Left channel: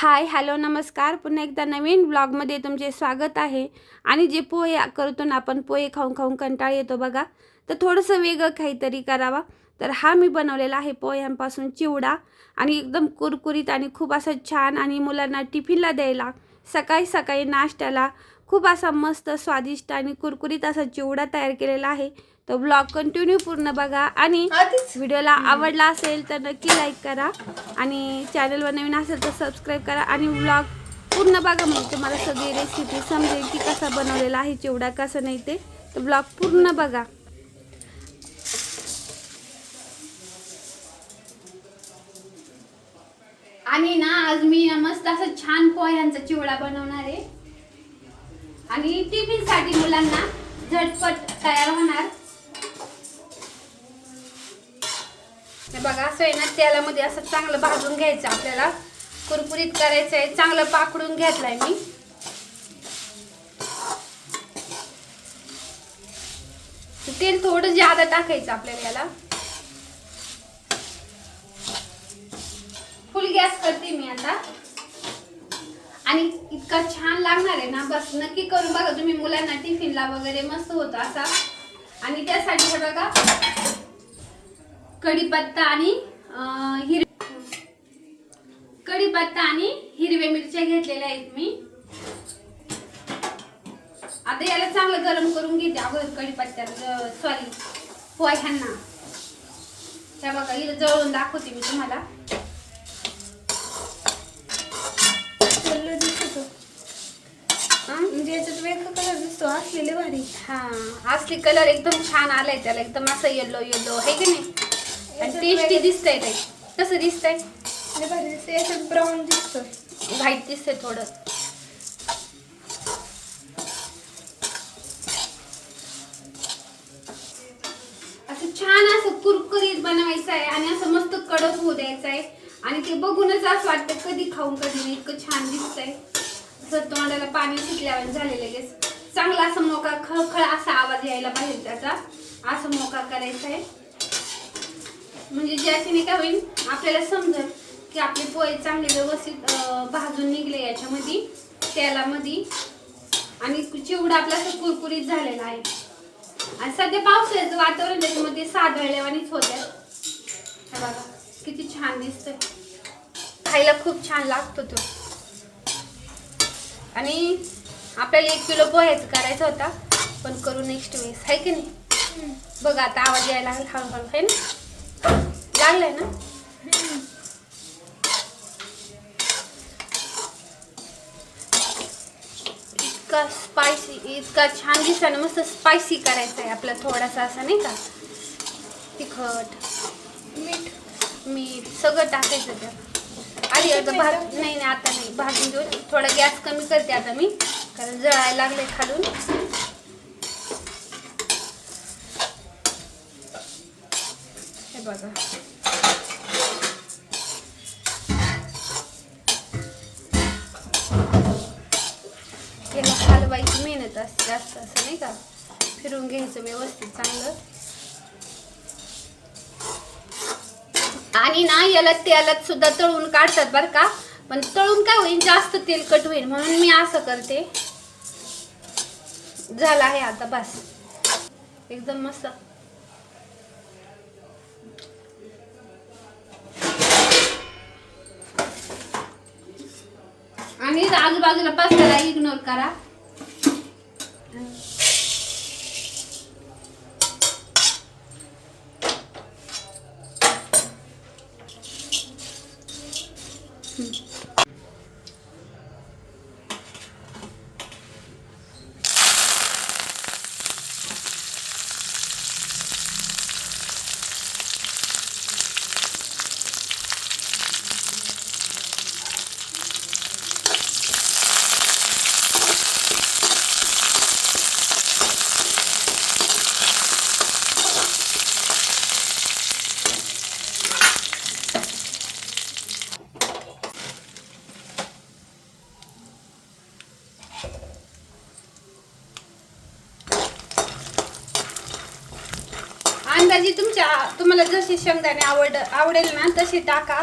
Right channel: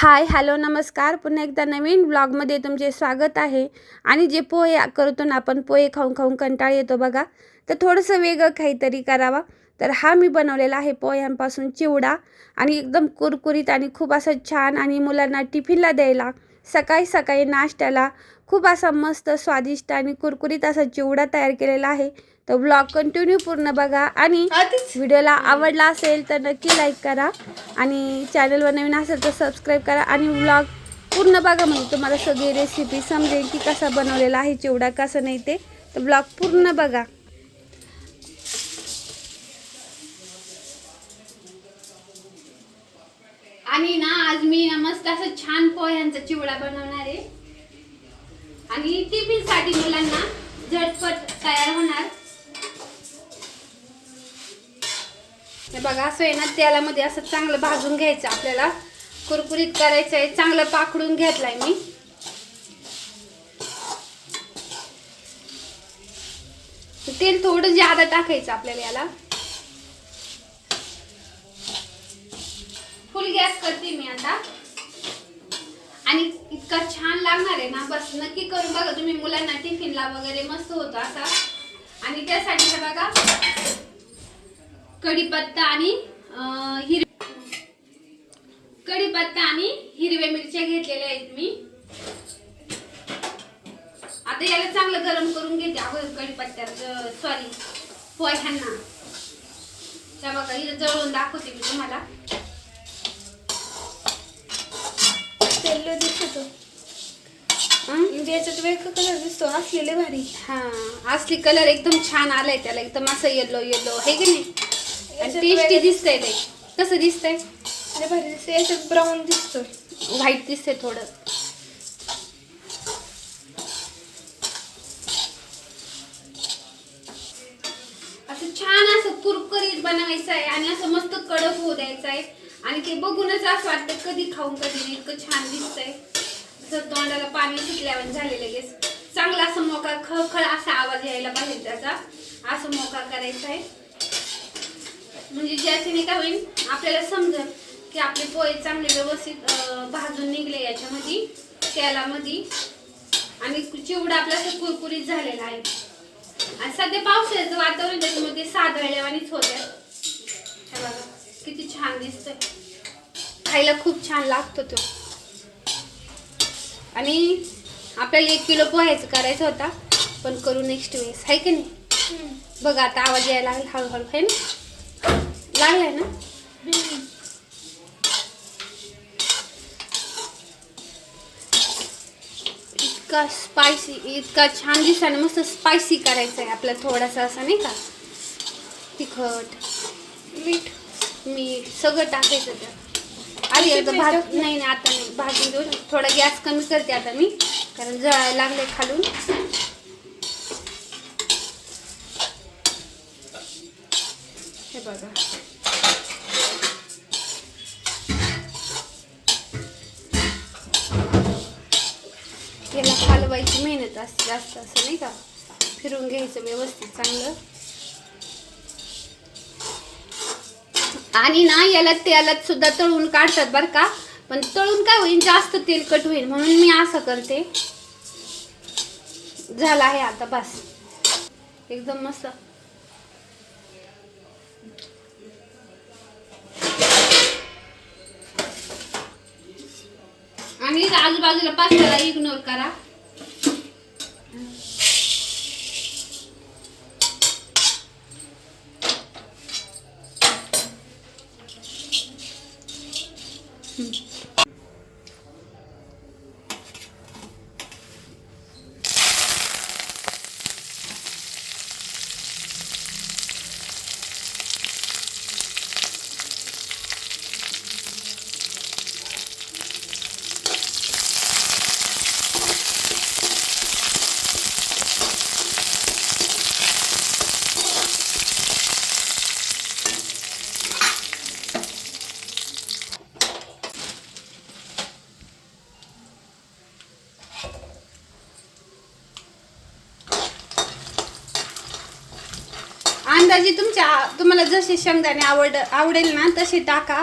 Hi hello नमस्कार. पुन्हा एकदा नवीन ब्लॉगमध्ये तुमचे स्वागत आहे. आणि जे पोहे करतो ना आपण, पोहे खाऊन खाऊन कंटाळ येतो बघा, तर थोडंसं वेगळं काहीतरी करावा. तर हा मी बनवलेला आहे पोह्यांपासून चिवडा, आणि एकदम कुरकुरीत आणि खूप असं छान, आणि मुलांना टिफिनला द्यायला, सकाळी सकाळी नाश्त्याला खूप असा मस्त स्वादिष्ट आणि कुरकुरीत असा चिवडा तयार केलेला आहे. तर ब्लॉग कंटिन्यू पूर्ण बघा, आणि व्हिडिओला आवडला असेल तर नक्की लाईक करा, आणि चॅनलवर नवीन असेल तर सबस्क्राईब करा, आणि व्लॉग पूर्ण बघा, म्हणजे तुम्हाला सगळी रेसिपी समजेल की कसा बनवलेला आहे चिवडा, कसं नाही ते. तर ब्लॉग पूर्ण बघा. आणि ना आज मी मस्त असं छान पोह्यांचा चिवडा बनवणार आहे, आणि टिफिन साठी मुलांना झटपट तयार होणार. बघा, असं आहे ना, तेलामध्ये असं चांगलं भाजून घ्यायचं, आपल्याला कुरकुरीत करायचं आहे. चांगलं पाकडून घेतलाय मी. तेल थोडं जादा टाकायचं आपल्याला याला. फुल गॅस करते मी आता, आणि इतका छान लागणार आहे ना, बस नक्की करून बघा तुम्ही. मुलांना टिफिनला वगैरे मस्त होतो असा. आणि त्यासाठी हे बघा, कढीपत्ता आणि हिरव्या मिरच्या घेतलेल्या आहेत मी. आता याला चांगलं गरम करून घेते अगोदर कढीपत्त्यात, सॉरी पोह्यांना. त्या बघा इथे जळून दाखवते मी तुम्हाला. म्हणजे याच्यात वेगळा कलर दिसतो, असलेले भारी. हा, असली कलर एकदम छान आलाय त्याला, एकदम असं येलो येलो आहे की नाही, आणि टेस्टी दिसतंय. ते कसं दिसतंय? भारी दिसतं. याच्यात ब्राऊन दिसतं, व्हाईट दिसतंय थोडं. असं छान असं कुरकुरीत बनवायचं आहे, आणि असं मस्त कडक होऊ द्यायचं आहे. आणि ते बघूनच असं वाटतं कधी खाऊन कधी नाही, इतकं छान दिसतंय. असं तोंडाला पाणी सुटल्यावर झाले लगेच. चांगला असं मोका खळखळ असा आवाज यायला पाहिजे त्याचा. असं मोका करायचा आहे, म्हणजे ज्याच्याने काय होईल, आपल्याला समजेल की आपले पोहे चांगले व्यवस्थित भाजून निघले याच्यामध्ये, तेलामध्ये, आणि चिवडा आपला कुरकुरीत झालेला आहे. आणि सध्या पावसाळ्याचं वातावरण, त्याच्यामध्ये सादळल्यावानीच होत्या. बघा किती छान दिसतंय, खायला खूप छान लागतो तो. आणि आपल्याला 1 किलो पोह्याचं करायचं होता, पण करू नेक्स्ट वेळेस, आहे की नाही. बघा आता आवाज यायला लागला हळूहळू, आहे ना, लागलाय ना. इतका स्पायसी, इतका छान दिसताना मस्त स्पायसी करायचं आहे आपल्याला. थोडासा असा नाही का, तिखट, मीठ सगळं टाकायचं त्यात. आधी आता नाही आता नाही, भाजून घेऊन थोडा गॅस कमी करते आता मी, कारण जळायला लागले खालून. हे बघा, याला हलवायची मेहनत असते जास्त, असं नाही का, फिरून घ्यायचं व्यवस्थित चांगलं. आणि ना याला तेलात सुद्धा तळून काढतात बरं का, पण तळून काय होईल, जास्त तेलकट होईल, म्हणून मी असं करते. झाला आहे आता, बस एकदम मस्त. आणि आजूबाजूला पास्ताला इग्नोर करा. अंदाजे तुम्हाला जसे शेंगदाणे आवडेल ना तसे टाका.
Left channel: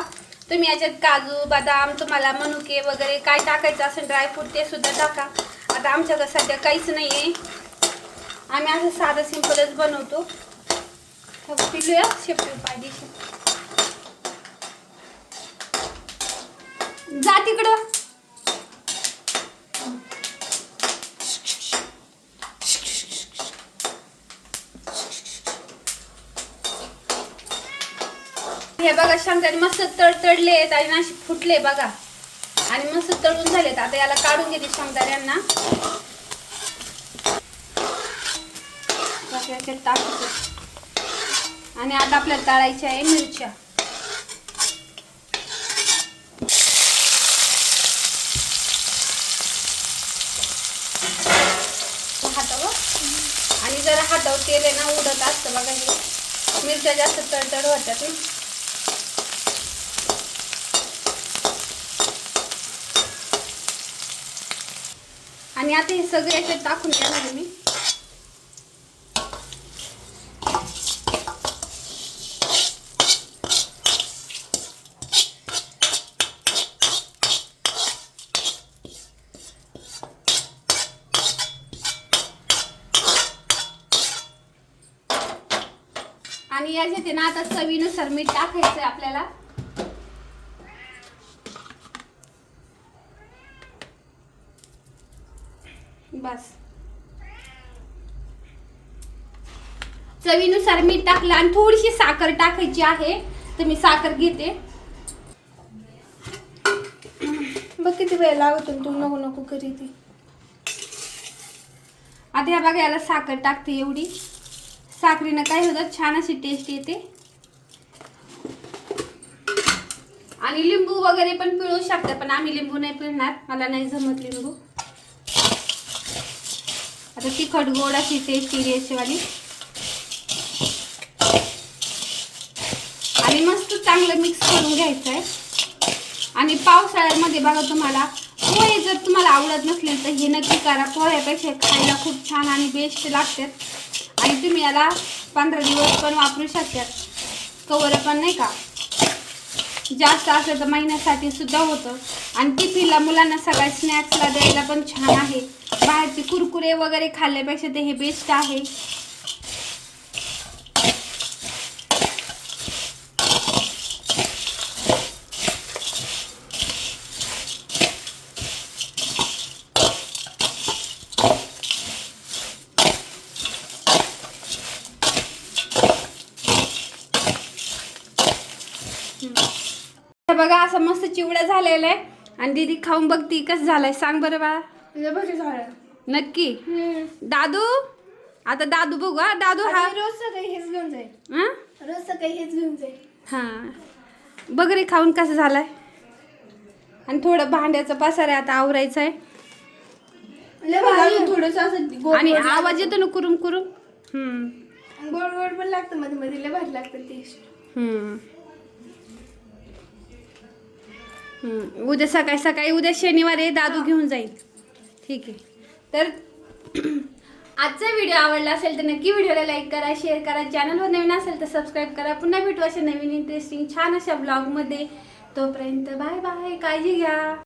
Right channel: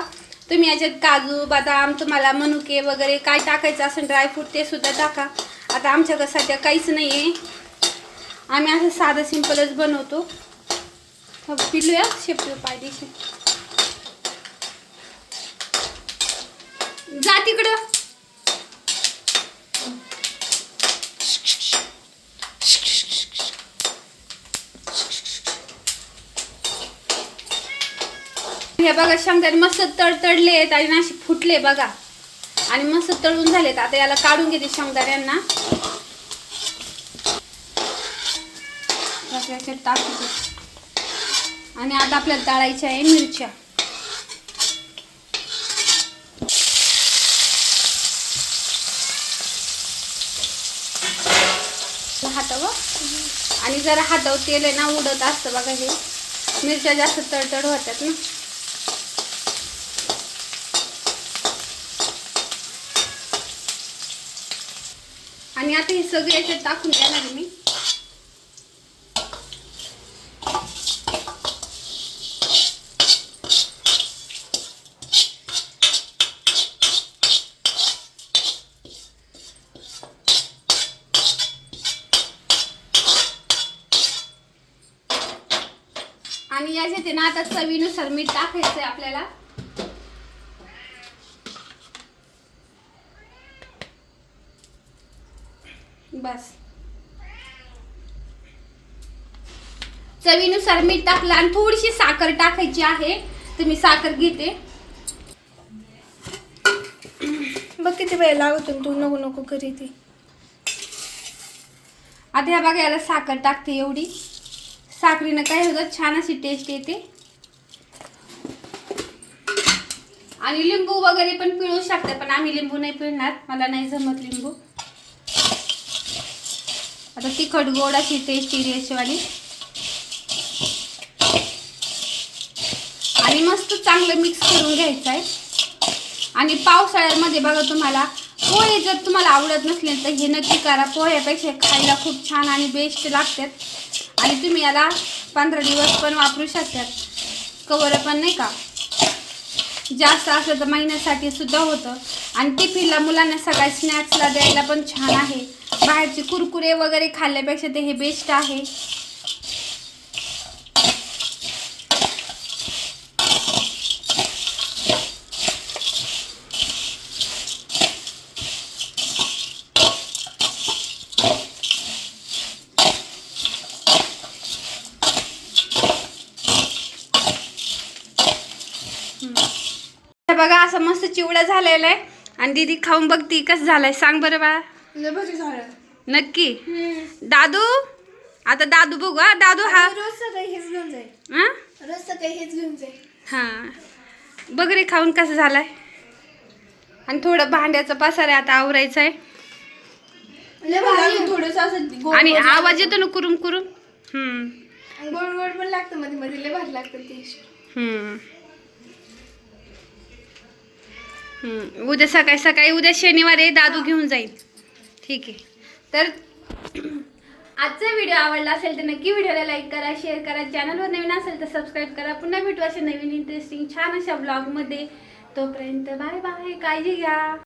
तुम्ही याच्यात काजू बदाम तुम्हाला मनुके वगैरे काय टाकायचं असेल ड्रायफ्रूट ते सुद्धा टाका. आता आमच्याकडे सध्या काहीच नाही आहे, आम्ही असं साधं सिंपलच बनवतो. पिलूया शेपटी पायदेशी जा तिकडं. हे बघा शेंगदाणे मस्त तडतडले आहेत आणि असे फुटले बघा आणि मस्त तळून झालेत. आता याला काढून घेते शेंगदाण्यांना. याच्यात टाकते आणि आता आपल्याला तळायच्या आहे मिरच्या. हातावर आणि जरा हातावर तेल आहे ना उडत असतं बघा. हे मिरच्या जास्त तडतड होत्यात ना. आणि आता हे सगळे याच्यात टाकून देणार आहे मी. आणि याच्यात आहे ना आता चवीनुसार मीठ टाकायचंय आपल्याला. बस चवीनुसार मीठ टाकलं आणि थोडीशी साखर टाकायची आहे, तर मी साखर घेते. बघ किती वेळ लागतो, तू नको नको करी ती. आता ह्या बघा याला साखर टाकते. एवढी साखरीनं काय होतं छान अशी टेस्ट येते. आणि लिंबू वगैरे पण पिळू शकता, पण आम्ही लिंबू नाही पिळणार, मला नाही जमत लिंबू. आता तिखट गोड अशी टेस्ट येईल याच्यावाली. आणि मस्त चांगलं मिक्स करून घ्यायचं आहे. आणि पावसाळ्यामध्ये बघा तुम्हाला पोहे जर तुम्हाला आवडत नसले तर हे नक्की करा. पोह्यापेक्षा खायला खूप छान आणि बेस्ट लागतात. आणि तुम्ही याला 15 दिवस पण वापरू शकतात. कवर पण नाही का, जास्त असलं तर महिन्यासाठी सुद्धा होतं. आणि टिफिनला मुलांना सगळ्या स्नॅक्सला द्यायला पण छान आहे. बाहेरचे कुरकुरे वगैरे खाल्ल्यापेक्षा ते हे बेस्ट आहे. बघा असं मस्त चिवडा झालेला आहे आणि दीदी खाऊन बघती कसं झालंय. सांग बरं बाळा. नक्की दादू. आता दादू बघू. हा दादू हा रोज सकाळी हेच घेऊन जाईल. हा रोज सकाळी हेच घेऊन जाईल. हा बघ रे खाऊन कसं झालाय. आणि थोडं भांड्याचं पसार आहे आता आवरायचं आहे. थोडस असं आणि आवाज येतो ना कुरुम कुरुम. गोड गोड पण लागतं मध्ये मध्ये, लय भारी लागतं टेस्ट. उद्या सकाळी सकाळी, उद्या शनिवार आहे, दादू घेऊन जाईल. ठीक आहे. तर आजचा व्हिडिओ आवडला असेल तर नक्की व्हिडिओला लाईक करा, शेअर करा. चॅनलवर नवीन असेल तर सबस्क्राईब करा. पुन्हा भेटू अशा नवीन इंटरेस्टिंग छान अशा ब्लॉगमध्ये. तोपर्यंत बाय बाय, काळजी घ्या.